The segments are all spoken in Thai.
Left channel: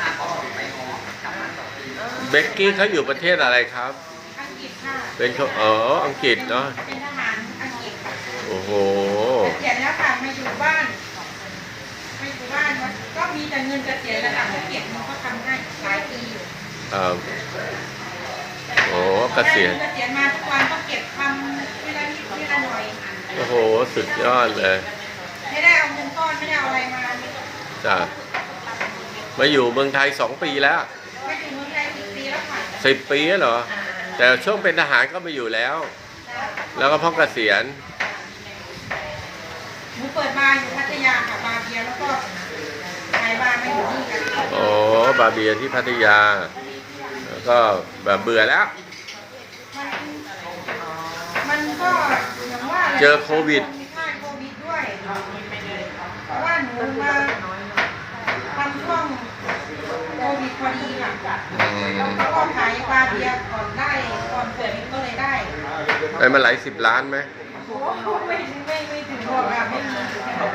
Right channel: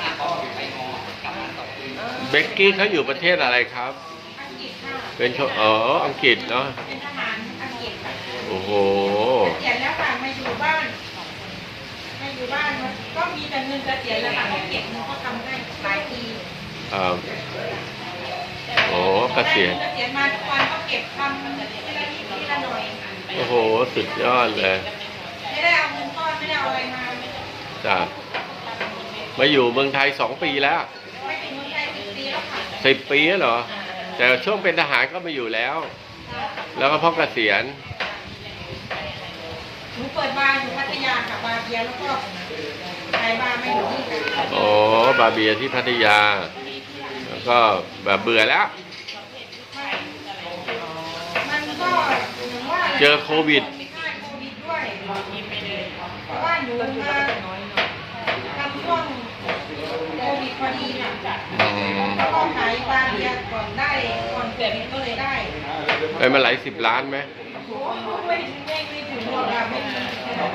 ค่ะก็ไปง้อกลับมาสองคืนเบกกี้เขาอยู่ประเทศอะไรครับ อังกฤษค่ะเป็นคนอ๋ออังกฤษเนาะเป็นทหารอังกฤษค่ะโอ้โห เกษียณแล้วค่ะมาอยู่บ้านมาอยู่บ้านก็มีแต่เงินเกษียณแล้วค่ะไม่เกียรมันก็ทำได้หลายปีอยู่ครับโอ้เกษียณ เกษียณมาทุกวันก็เก็บทำเวลานิดเวลาหน่อยโอ้โห สุดยอดเลย ไม่ได้เอาเงินก้อนไม่ได้เอาอะไรมา จ้ะ มาอยู่เมืองไทยสองปีแล้วไม่ถึงเมืองไทยสิบปีแล้วค่ะสิบปีแล้วเหรอ แต่ช่วงเป็นทหารก็มาอยู่แล้ว แล้วก็พ่อเกษียณหนูเปิดบาร์อยู่พัทยาค่ะบาร์เบียร์แล้วก็ขายบาร์ไม่อยู่นี่ค่ะโอ้บาเบียที่พัทยา แล้วก็แบบเบื่อแล้ว มันก็อย่างว่าแหละเจอโควิดใช่โควิดด้วยเพราะว่าหนูมาทำช่วง โควิดพอดีค่ะอืมแล้วก็ขายบาร์เบียร์ก่อนได้ก่อนเปิดก็เลยได้ได้มาหลายสิบล้านไหมโอ้โหไม่ไม่ไม่ถึงหรอกค่ะไม่มีบาร์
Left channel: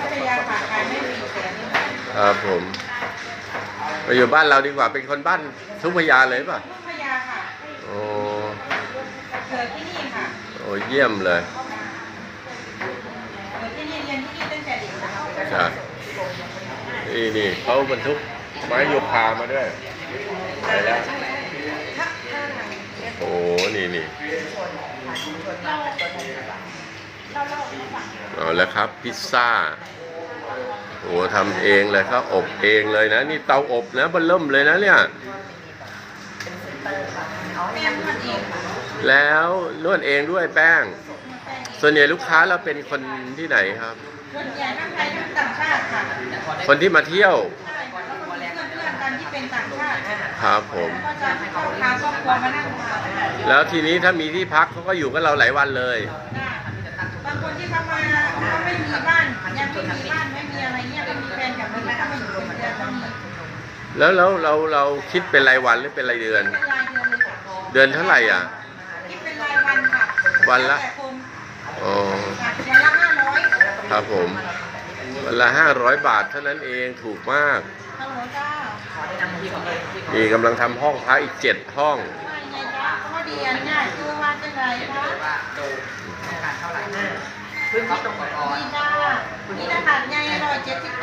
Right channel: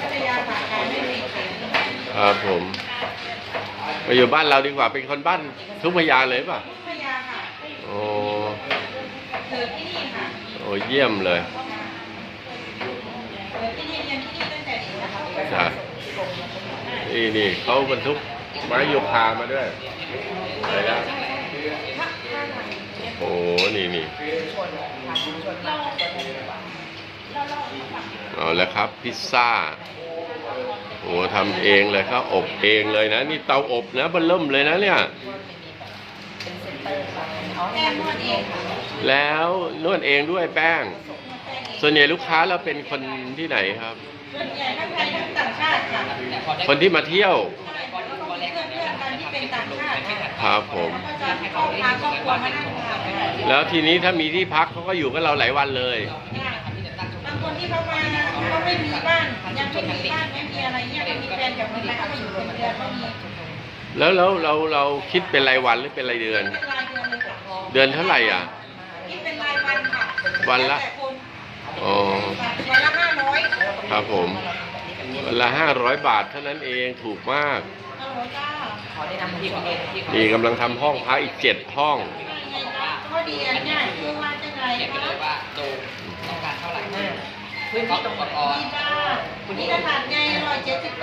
พัทยาค่ะขายไม่มีขายไม่ได้ครับผมมาอยู่บ้านเราดีกว่าเป็นคนบ้านทุ่งพญาเลยป่ะพัทยาค่ะโอ้เกิดที่นี่ค่ะโอ้เยี่ยมเลยเกิดที่นี่เรียนที่นี่ตั้งแต่เด็กนะคะจ้ะ นี่นี่เขาบรรทุกไม้โยคามาด้วยไปแล้วถ้าถ้าไหนโอ้นี่นี่เอาแล้วครับ พิซซ่าโอ้ทำเองเลยครับอบเองเลยนะ นี่เตาอบนะเบนเริ่มเลยนะเนี่ยแม่นวดเองค่ะแล้วนวดเองด้วยแป้ง ส่วนใหญ่ลูกค้าเราเป็นคนที่ไหนครับ ส่วนใหญ่ทั้งไทยทั้งต่างชาติค่ะแต่พอได้คนที่มาเที่ยวใช่ค่ะแล้วก็มีเพื่อนๆกันที่เป็นต่างชาติค่ะครับผมก็จะเข้าทางครอบครัวมานั่งทานค่ะแล้วทีนี้ถ้ามีที่พักเขาก็อยู่กับเราหลายวันเลย บางคนที่เขามาเขาไม่มีบ้านยังไม่มีบ้านไม่มีอะไรเงี้ยไม่มีแฟนกลับมาแล้วก็มาอยู่เป็นเดือนก็มีแล้วแล้วเราเราคิดเป็นรายวันหรือเป็นรายเดือน เป็นรายเดือนเลยค่ะเดือนเท่าไหร่อะ คิดเป็นรายวันค่ะวันละ แต่คนอ๋อค่ะวันละห้าร้อย ครับผม วันละห้าร้อยบาทเท่านั้นเองถูกมากฮัลโหลจ้าขอแนะนำที่เขาเองที่เขานี่กำลังทำห้องพักอีกเจ็ดห้อง ข้อดีอันเนี้ยคือว่าจะไงเขียนไปคะเลยว่าโดมต้องการเท่าไหร่พื้นที่ตรงก่อนดีจ้านี่ขนาดไงร้อยเจ็ดสิบเก้า